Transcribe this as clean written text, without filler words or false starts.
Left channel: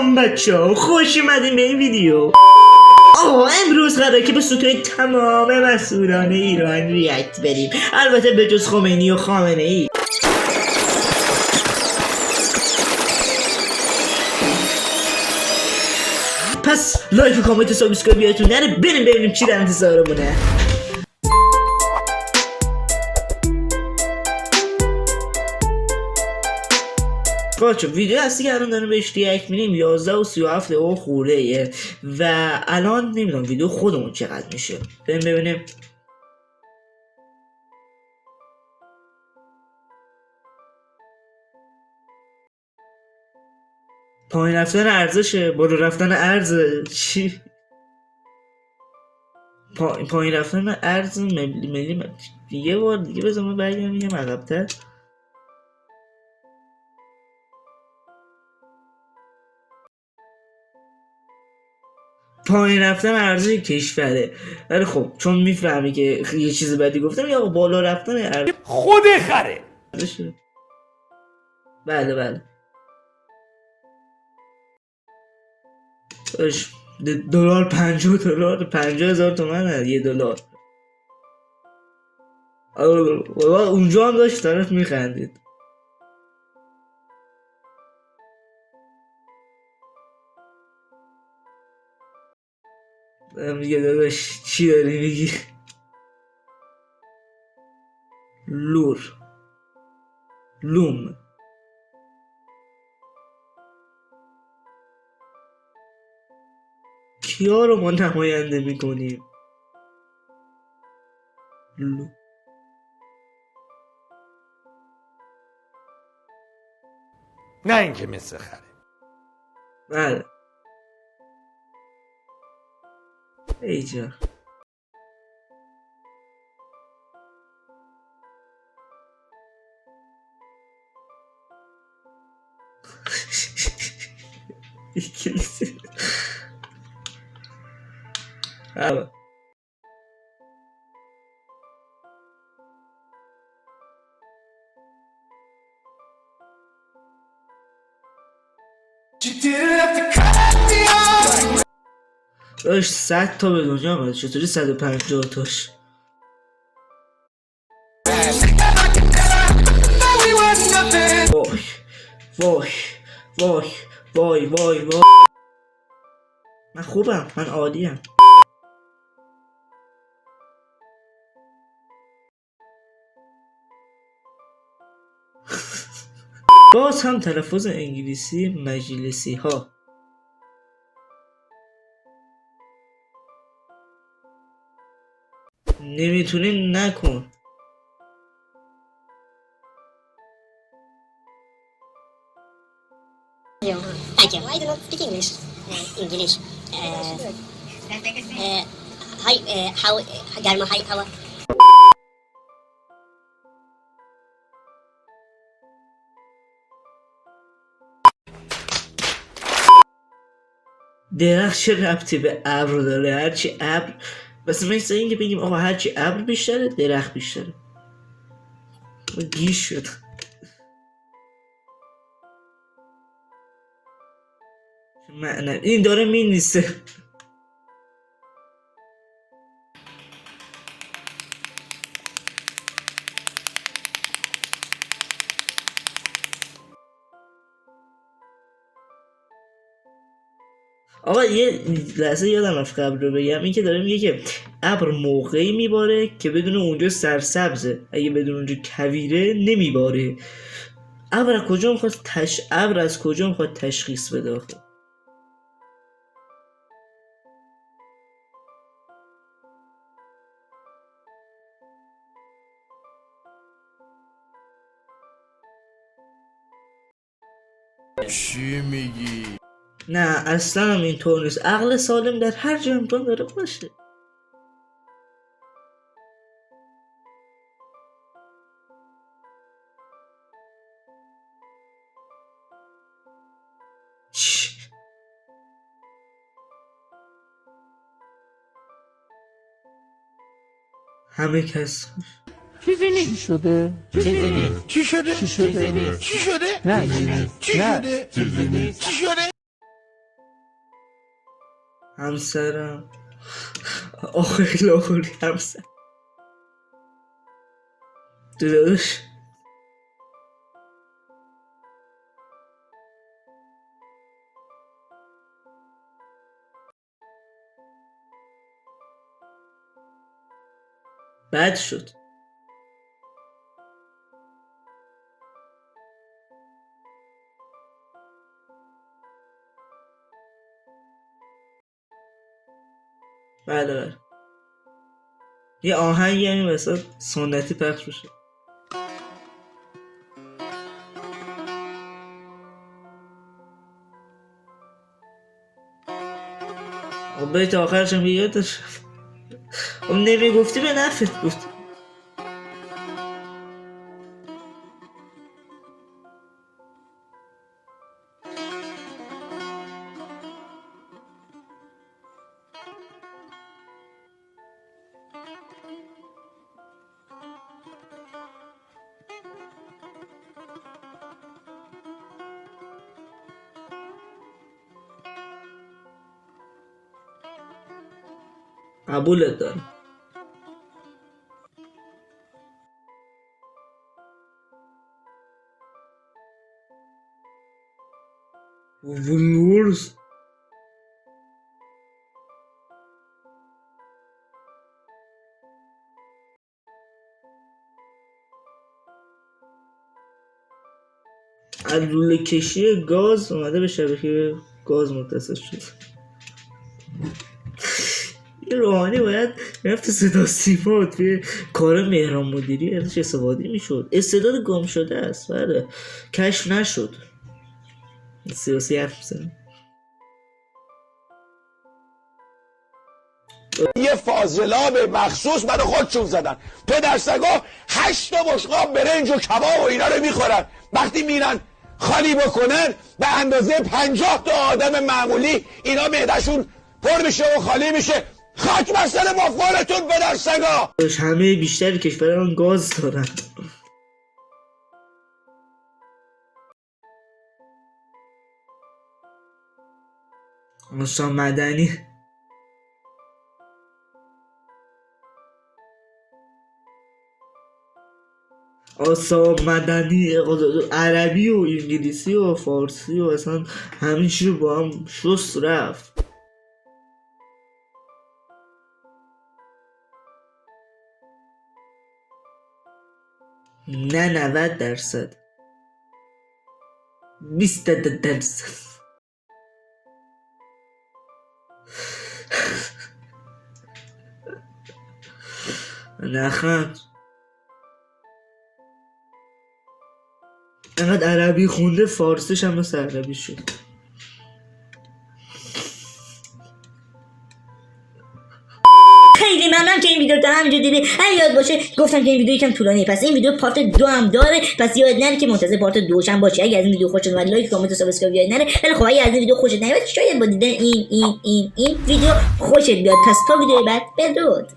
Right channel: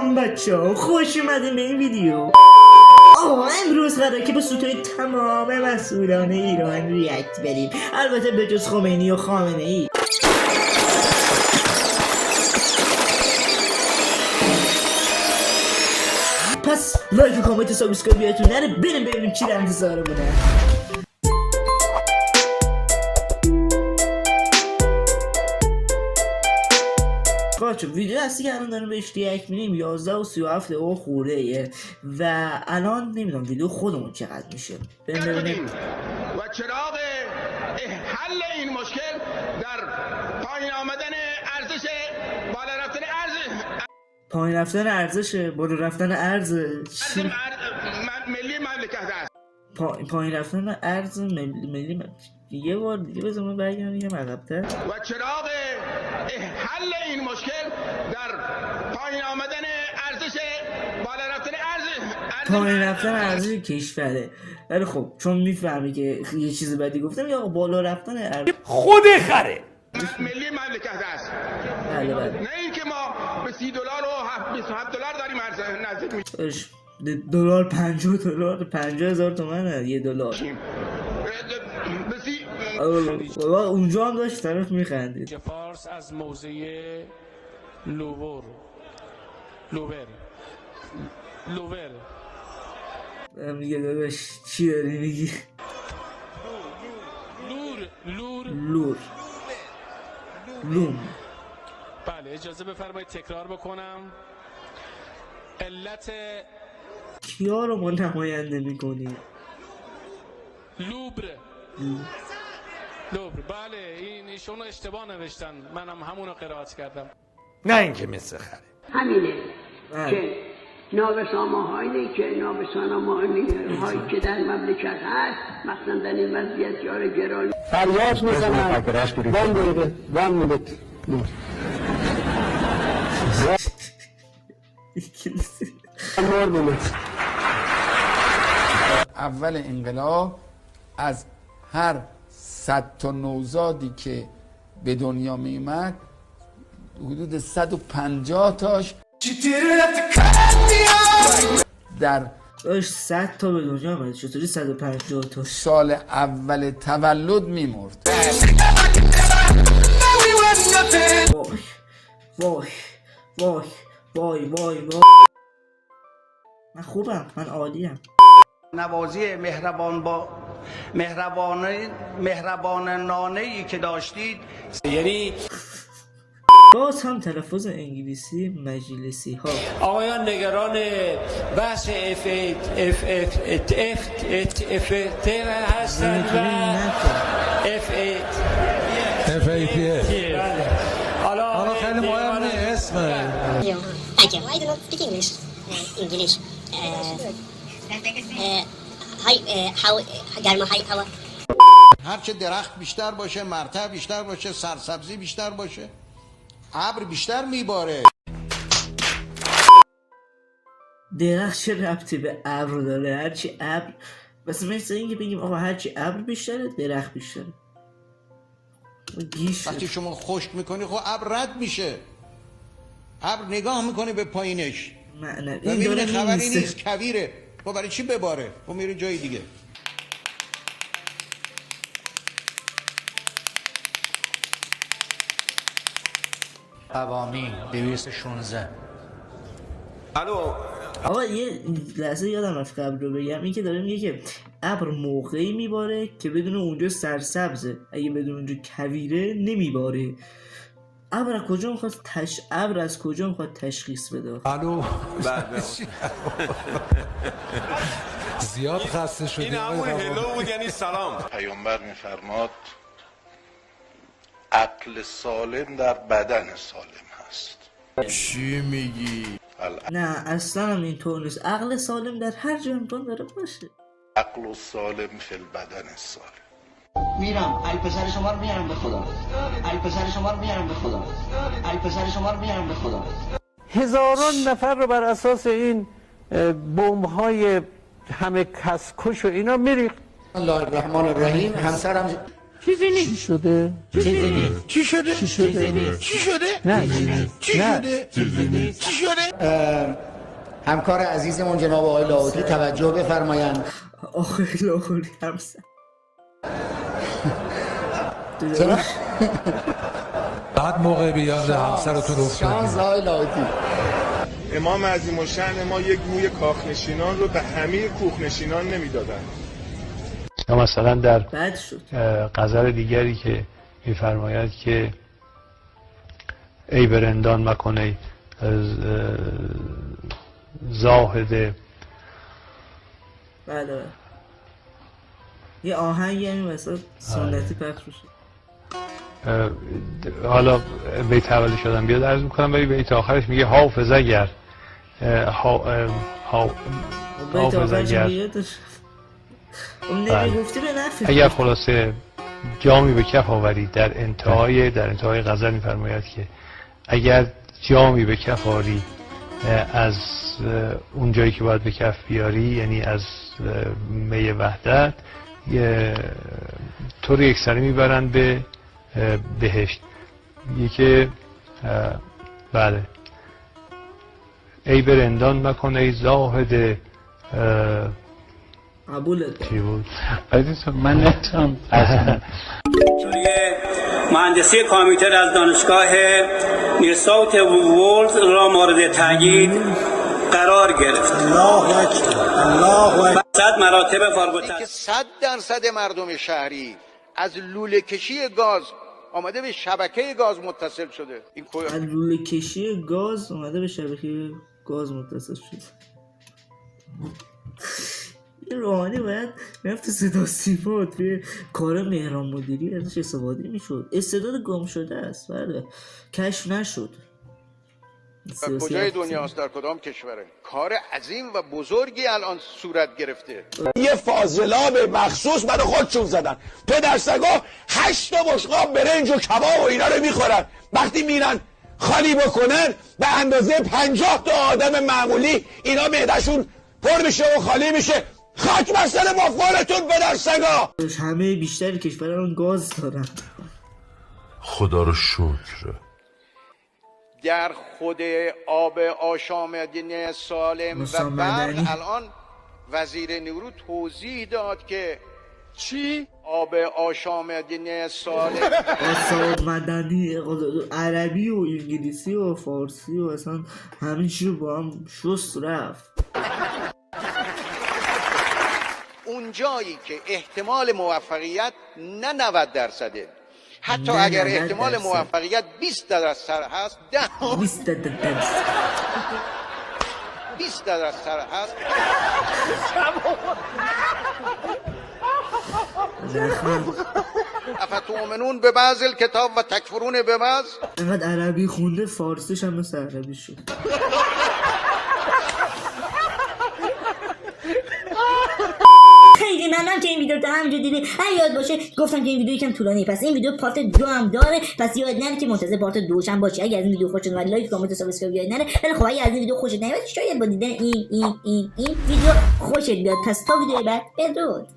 سلام بچه‌ها، خوش اومدین به این ویدیو. امروز قراره که به ستون تمام مسئولان ایران ریاکت بریم، البته به جز خمینی و خامنه ای. پس لایک و کامنت و سابسکرایب یادتون نره. بریم ببینیم چی در انتظارمونه. بچه ویدیو هستی که الان داریم بهش ریاکت می‌کنیم 11:37 دقیقه خورده و الان نمیدونم ویدیو خودمون چقدر میشه. بریم ببینیم. و چراغ حل این مشکل در پایین آمدن ارزش بالا رفتن پایین رفتن ارزش بالا رفتن ارز چی؟ ملی مملکت است. پایین رفتن ارز ملی یه بار دیگه بذار من برگردم یه عقب‌تر. و چراغ حل این مشکل در پایین آمدن ارزش بالا رفتن پایین رفتن ارزش کشوره. ولی خب چون میفهمی که یه چیز بدی گفتم یا بالا رفتن ارز خود خره ملی مملکت است. بله نه اینکه ما به $30 و $27 داریم نزدیک میشیم. دلار $50 $50,000 تومنه یه دلار. اونجا هم داشت طرف میخندید. فارس از موزه لوور میگه داداش چی داری میگی؟ لوم. بله اجازه بفرمایید تکرار بکنم. علت کیا رو ما نماینده میکنیم؟ لوبر. بله ایشونو اشتباه نوشتن، منم همونو قرائت کردم. نه اینکه مثل خره همینه بله. که نابسامه‌هایی که هایی که در مملکت هست، مثلا در این وضعیت یار گرانی فریاد میزنن وان ملت اول انقلاب از هر 100 تا نوزادی که به دنیا می اومد حدود 150 تاش در داشت 100 تا به دنیا آمد. چطوری 150 تاش؟ سال اول تولد میمرد. وای من خوبم، من عالیم. نوازی مهربانانه‌ای که داشتید، یعنی باز هم تلفظ انگلیسی مجلسی ها. آقایان نگران بحث هستن. نمیتونیم نکن. حالا خیلی مهم نیست اسمه. Thank you. I do not speak English. English. Hi, how گرما های هوا. هرچه درخت بیشتر باشه، مرتع بیشتر باشه، سرسبزی بیشتر باشه، ابر بیشتر میباره. درخت چه ربطی به ابر داره؟ هرچی ابر مثل اینکه بگیم آقا هرچی ابر بیشتره درخت بیشتره. گیش وقتی شما خشک میکنی خب ابر رد میشه، ابر نگاه میکنی به پایینش. نه این داره میمیسه. کویره خب برای چی بباره؟ خب میره جای دیگه. قوانین 216. الو آقا یه لحظه یادم رفت قبل رو بگم، این که داره میگه که ابر موقعی میباره که بدون اونجا سرسبزه، اگه بدون اونجا کویره نمیباره. ابر از کجا میخواد تشخیص بده؟ الو زیاد خسته شدیم. این همون هلو بود، یعنی سلام. پیامبر میفرماد عقل سالم در بدن سالم هست. چی میگی؟ نه اصلا هم اینطور نیست. عقل سالم در هر جا امکان داره باشه. عقل سالم فی البدن سالم. میرم پسر شما رو میارم به خدا. پسر شما رو میارم به خدا. پسر شما رو میارم به خدا. هزاران نفر رو بر اساس این بمب‌های همه کس کش و اینا میریخت. الله الرحمن الرحیم. همسرم چیزی نیست. چی شده؟ چیزی نیست. چی شده؟ چی شده؟ چی شده؟ نه چی شده؟ چی شده؟ همکار عزیزمون جناب آقای لاهوتی توجه بفرمایند. آقای لاهوتی همسر درش بعد موقع بیاد همسرتون شانس آقای لاهوتی. امام عظیم الشأن ما یک موی کاخنشینان رو به همه کوخنشینان نمیدادن. یا مثلا در بد شد غزل دیگری که میفرماید که ای برندان مکنه زاهد. بله یه آهنگ یعنی مثلا سنتی پخش بشه. حالا بیت اولی شدم بیاد عرض میکنم، ولی بیت آخرش میگه حافظ اگر بیت آخرش بیادش اون نمیگفتی به نفع. اگر خلاصه جامی به کف آورید، در انتهای غزل میفرماید که اگر جامی به کف آوری از اون جایی که باید به کف بیاری، یعنی از می وحدت، تو رو یکسره میبرند به بهشت. میگه بله ای برندان مکن ای زاهد قبولت دارم. من نتونم مهندسی کامپیوتر از دانشگاه نیوساوت وولز را مورد تأیید قرار گرفت. الله اکبر. 100 مراتب فارغ التحصیل. 100% مردم شهری از لوله کشی گاز آمده به شبکه گاز متصل شده. این از لوله کشی گاز اومده به شبکه گاز متصل شده. این روحانی باید رفت صدا سیما توی کار مهران مدیری ازش استفاده میشد. استعداد گم شده است. بله کشف نشد. کجای دنیاست، در کدام کشوره؟ کار عظیم و بزرگی الان صورت گرفته. یه فاضلاب مخصوص برای خودشون زدن. پدرسگا 8 تا بشقاب برنج و کباب و اینا رو میخورن. وقتی میرن خالی بکنن به اندازه 50 تا آدم معمولی اینا معدهشون پر میشه و خالی میشه. خاک بستن مفعولتون پدرسگا. همه بیشتر کشوران گاز دارن. خدا رو شکر. در خود آب آشامیدنی سالم مصطفی و بعد مدنی الان وزیر نیرو توضیح داد که چی؟ آب آشامیدنی سالم آساب مدنی عربی و انگلیسی و فارسی و اصلا همین چی رو با هم شست رفت. اون جایی که احتمال موفقیت نه 90%، حتی نه اگر 90%. احتمال موفقیت 20% هست 20% هست نخم افتؤمنون به بعض الکتاب و تکفرون به بعض. اینقدر عربی خونده فارسیش هم مثل عربی شد. خیلی ممنون که این ویدیو رو همینجا دیدی. یاد باشه گفتم که این ویدیو یکم طولانیه، پس این ویدیو پارت 2 هم داره، پس یاد نره که منتظر پارت 2 هم باشی. اگه از این ویدیو خوشت اومد لایک کامنت و سابسکرایب یاد نره. ولی خب اگه از این ویدیو خوشت نیومد شاید با دیدن این ویدیو خوشت بیاد. پس تا ویدیو بعد بدرود.